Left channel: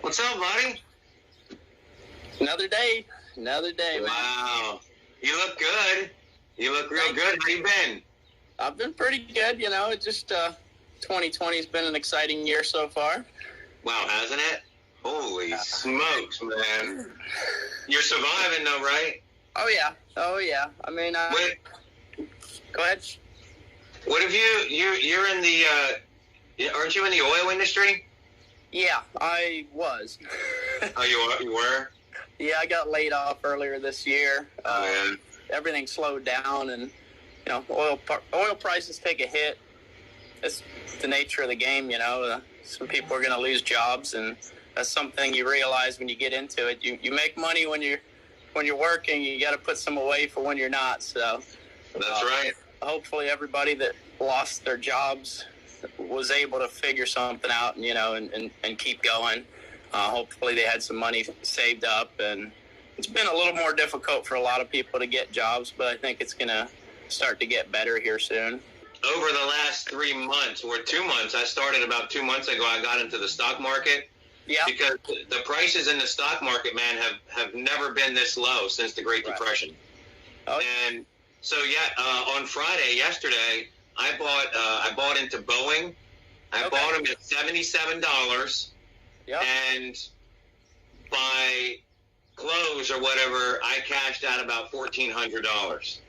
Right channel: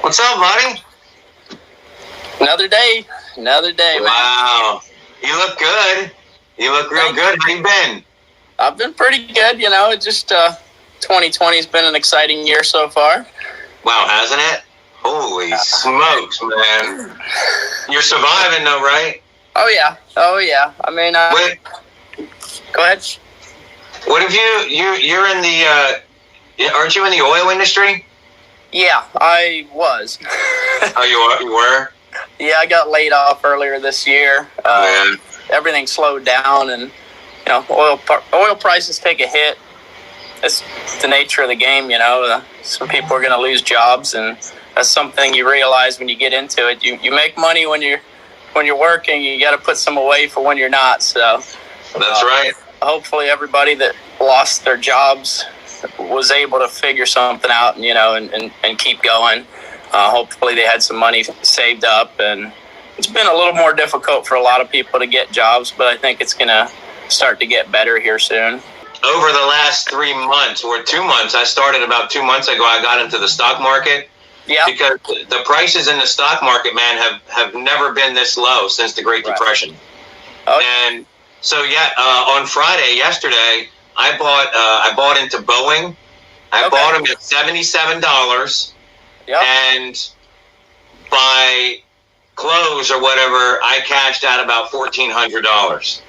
What's up, buddy? Another day, man. Wow. You look good. You look real good. How you been? I've been pretty good, It just 2020 has been an exciting year so far. Wow, hasn't it? Holy smokes, man. You're surviving though, right? Oh yeah. I mean, go ahead. What have you're in the, aren't you in the oil industry? Yeah, I was. Oh, you were? Yeah, I got laid off earlier this year. Everything slowed down, and oil prices take a hit. It's the nature of the game, Some people are going to lose jobs, and that's something you realize when you get into it. You make money when you're working. You got to put some away for when you're not. So that's right. Hopefully, everybody that lost their jobs was able to figure something out, and keep going. Hopefully they had some money saved up, and it's been a little more difficult for a lot of people to get jobs, but I think it's going to start to get better here soon. Over the last 3 months or 2 months, I started about 2 months ago, I got into the stock market. Yeah. Because the prices in the stock market, man, have never been this low since the Great Depression. Oh. And so, on Friday, yesterday, I bought into Boeing. I bought them at $77. Yep. And by close or whatever, I cashed out about $1,400.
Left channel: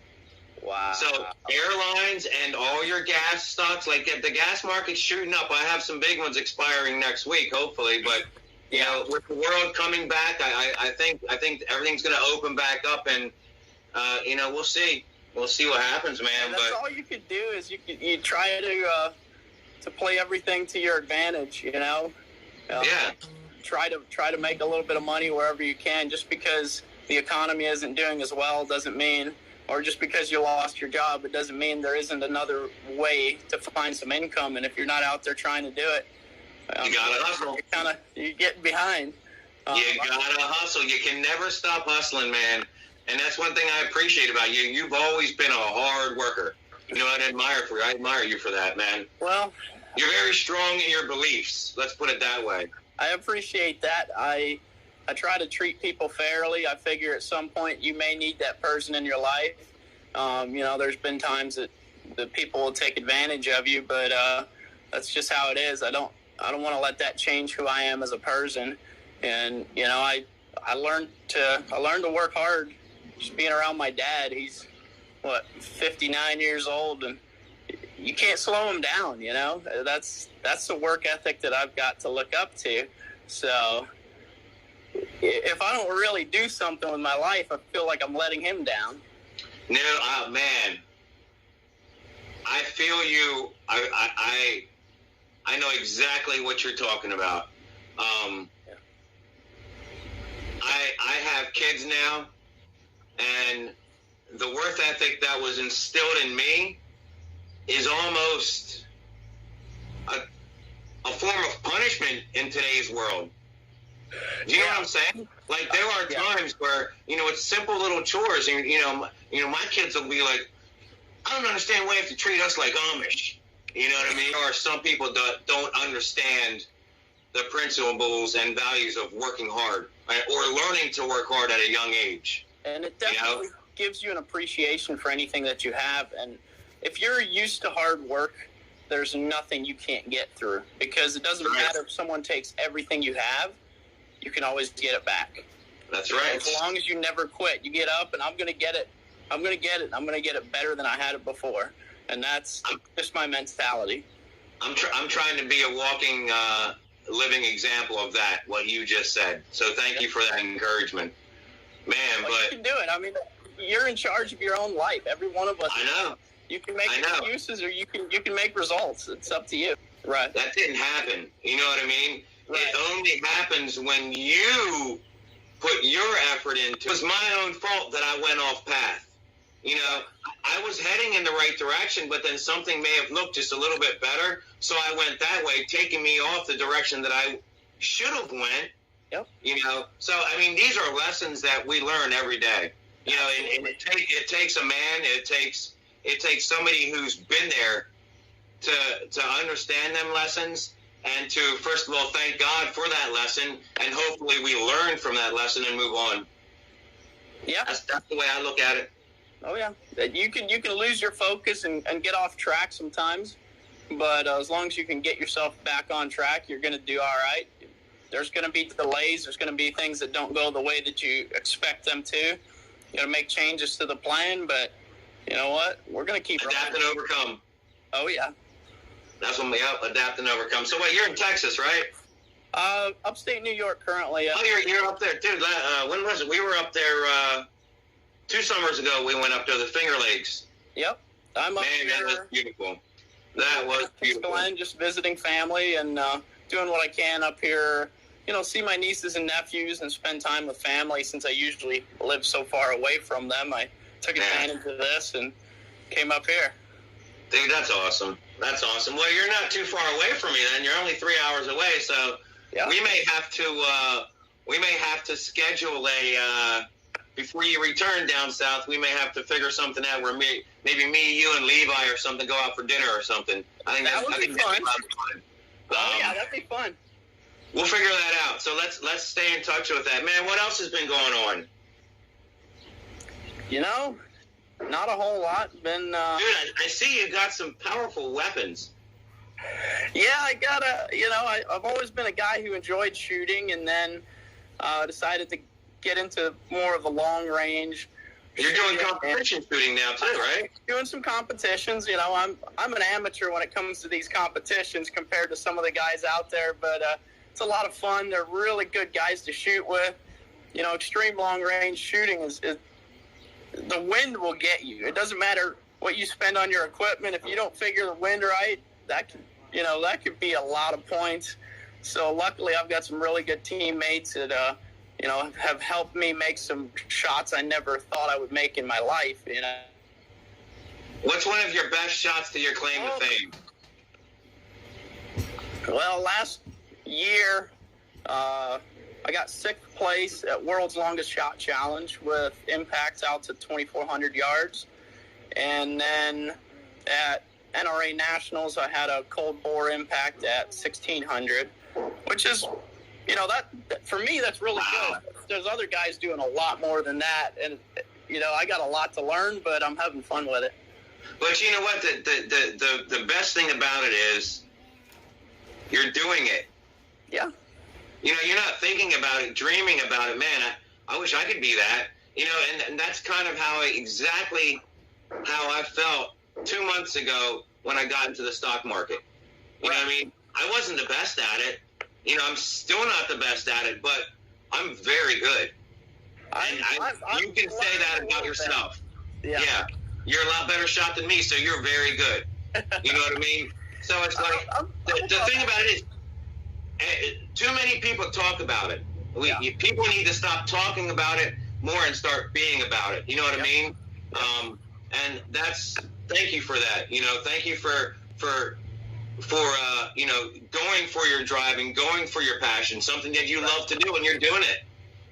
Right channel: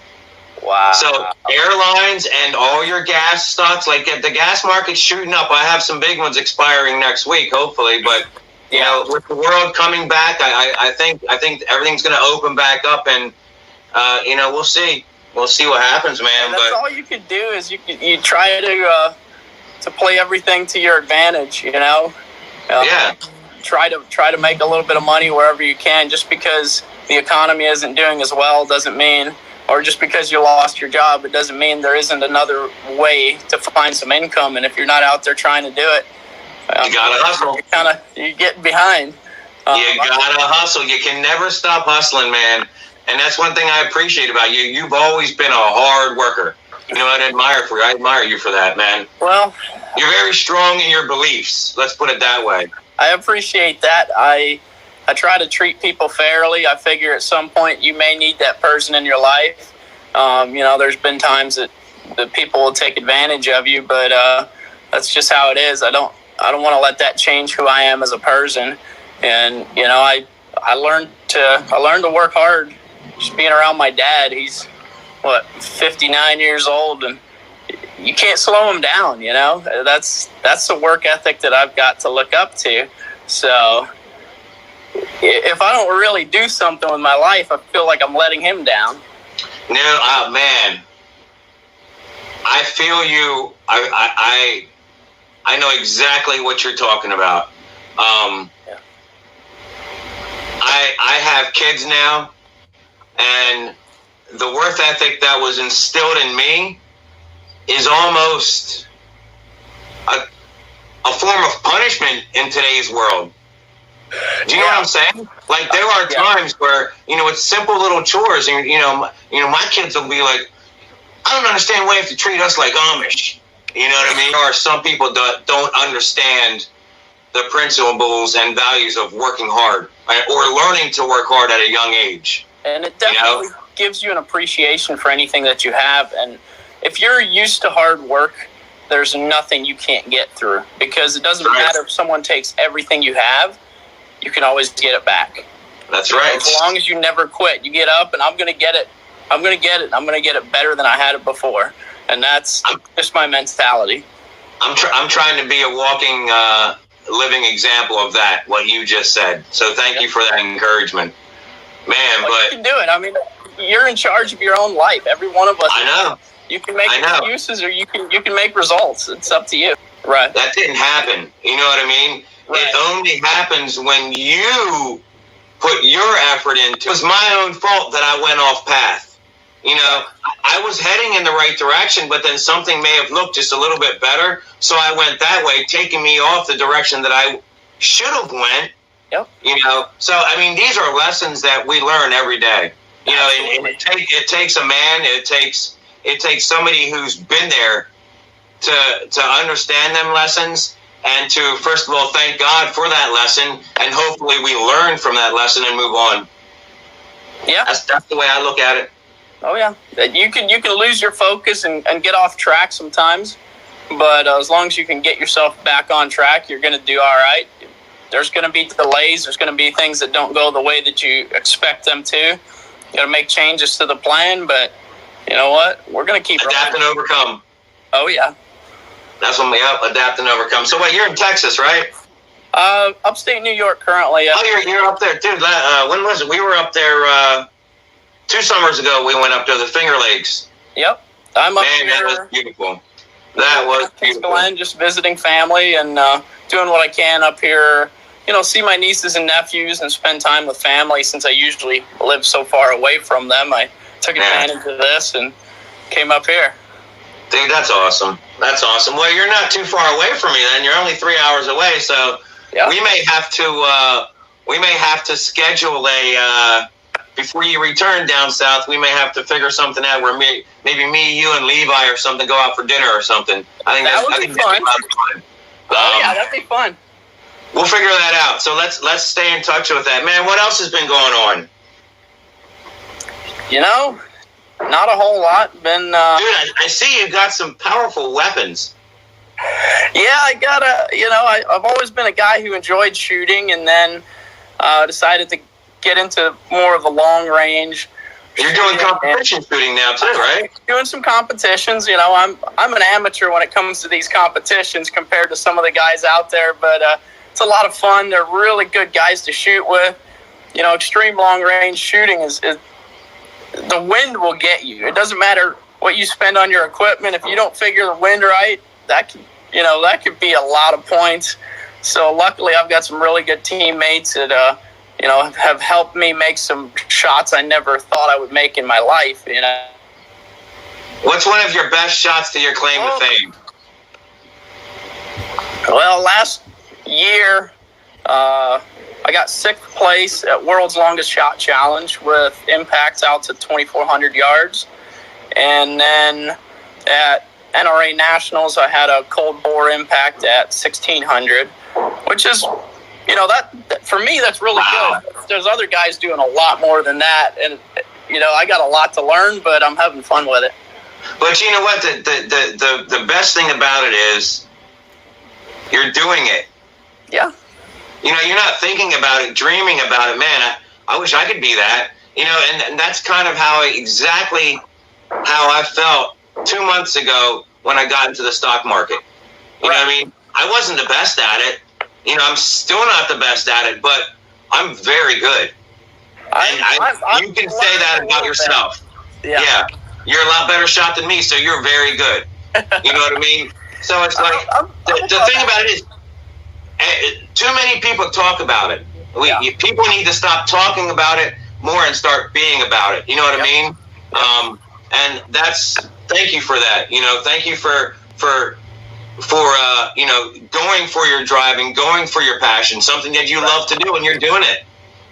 Wow. So airlines and all your gas stocks, like the gas market's shooting up. I have some big ones expiring next week, hopefully. But with the world coming back, I think everything's going to open back up, and we'll see. We'll see what happens, man. And that's all you could do is you try to play everything to your advantage, Try to make a little bit of money wherever you can. Just because the economy isn't doing as well doesn't mean, or just because you lost your job, it doesn't mean there isn't another way to find some income. And if you're not out there trying to do it, you gotta hustle. You get behind. You gotta hustle. You can never stop hustling, man. And that's one thing I appreciate about you. You've always been a hard worker. I admire you for that, man. Well, you're very strong in your beliefs. Let's put it that way. I appreciate that. I try to treat people fairly. I figure at some point you may need that person in your life. There's been times that people will take advantage of you, but that's just how it is. I don't want to let that change who I am as a person. And I learned to work hard. Just being around my dad, he's 59 years old, and you can't slow him down. That's the work ethic that I've got to look up to. So if I don't really do something with my life, I feel like I'm letting him down. No, man, I feel you. I know exactly what you're talking about. I have kids now, and the work ethic that was instilled in me is almost a form of punishment in today's world. Do you know what I'm saying? Like, there are times where, it's simple little chores, and, my kids will be like, I don't understand why you have to treat us like Amish. You know what I mean? Or some people don't understand the principles and values of working hard, right? Or learning to work hard at a young age. And it definitely gives you an appreciation for anything that you have. And if you're used to hard work, there's nothing you can't get through, because it doesn't matter if someone takes everything you have, you can always get it back. That's right. As long as you never quit, you get up and I'm going to get it. I'm going to get it. I'm going to get it better than I had it before. And that's just my mentality. I'm trying to be a walking, living example of that, what you just said. So thank you for that encouragement. Man, you can do it. I mean, you're in charge of your own life. Every one of us. I know. You can make excuses, or you can make results. It's up to you. Right. That didn't happen. You know what I mean? Right. It only happens when you put your effort into it. It was my own fault that I went off path. I was heading in the right direction, but then something may have looked just a little bit better, so I went that way, taking me off the direction that I should have went. Yep. So I mean, these are lessons that we learn every day. And it takes a man. It takes somebody who's been there to understand them lessons and to, first of all, thank God for that lesson, and hopefully we learn from that lesson and move on. Yeah. That's the way I look at it. Oh, yeah. You can lose your focus and get off track sometimes, but as long as you can get yourself back on track, you're going to do all right. There's going to be delays. There's going to be things that don't go the way that you expect them to. You got to make changes to the plan, but you know what? We're going to keep adapt and overcome. Oh, yeah. That's when we adapt and overcome. So, wait, you're in Texas, right? Upstate New York currently. Oh, you're up there, dude. When was it? We were up there 2 summers ago. We went up to the Finger Lakes. Yep, I'm up here. Man, that was beautiful. That was beautiful. Just visiting family and doing what I can up here. You know, see my nieces and nephews and spend time with family. Since I usually live so far away from them, I took advantage of this and came up here. Dude, that's awesome. That's awesome. Well, you're not too far away from me then. You're only 3 hours away, so we may have to schedule a before you return down south. We may have to figure something out where maybe me, you, and Levi or something go out for dinner or something. I think that would be fun. Yeah, that'd be fun. We'll figure that out. So let's stay in touch with that, man. What else has been going on? You know, not a whole lot. Dude, I see you got some powerful weapons. Yeah, I've always been a guy who enjoyed shooting, and then decided to get into more of the long range. You're doing competition shooting now too, right? Doing some competitions. You know, I'm an amateur when it comes to these competitions compared to some of the guys out there, but it's a lot of fun. They're really good guys to shoot with. You know, extreme long range shooting is the wind will get you. It doesn't matter what you spend on your equipment. If you don't figure the wind right, that could be a lot of points. So luckily I've got some really good teammates that, have helped me make some shots I never thought I would make in my life, you know. What's one of your best shots to your claim to fame? Well, last year, I got 6th place at World's Longest Shot Challenge with impacts out to 2,400 yards. And then at NRA Nationals, I had a cold bore impact at 1,600, which is, that for me, that's really good. There's other guys doing a lot more than that. And, I got a lot to learn, but I'm having fun with it. But you know what? The best thing about it is you're doing it. Yeah. You're not thinking about it, dreaming about it. Man, I wish I could be that. And that's kind of exactly how I felt 2 months ago when I got into the stock market. You know what I mean? I wasn't the best at it. I'm still not the best at it, but I'm very good. And you can say that about yourself. Yeah. You're a lot better shot than me, so you're very good. You know what I mean? So it's like, the thing about it is, too many people talk about it. People need to stop talking about it more and start being about it. You know what I mean? And thank you for that. Thank you for going for your driving, going for your passion, something that you love to do, and you're doing it.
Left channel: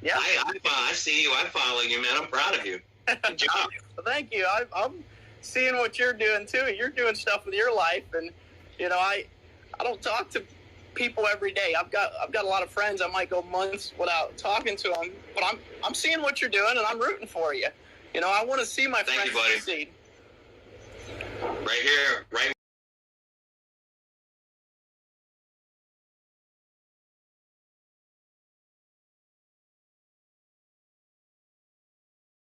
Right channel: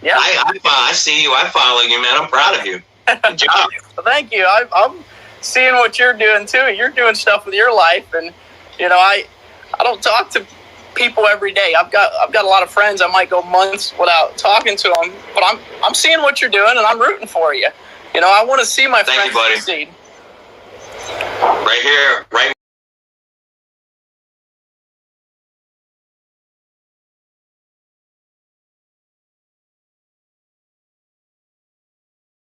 Yeah. I see you. I follow you, man. I'm proud of you. Good job. Thank you. I'm seeing what you're doing too. You're doing stuff with your life, and I don't talk to people every day. I've got a lot of friends. I might go months without talking to them, but I'm seeing what you're doing, and I'm rooting for you. I want to see my friends succeed. Right here,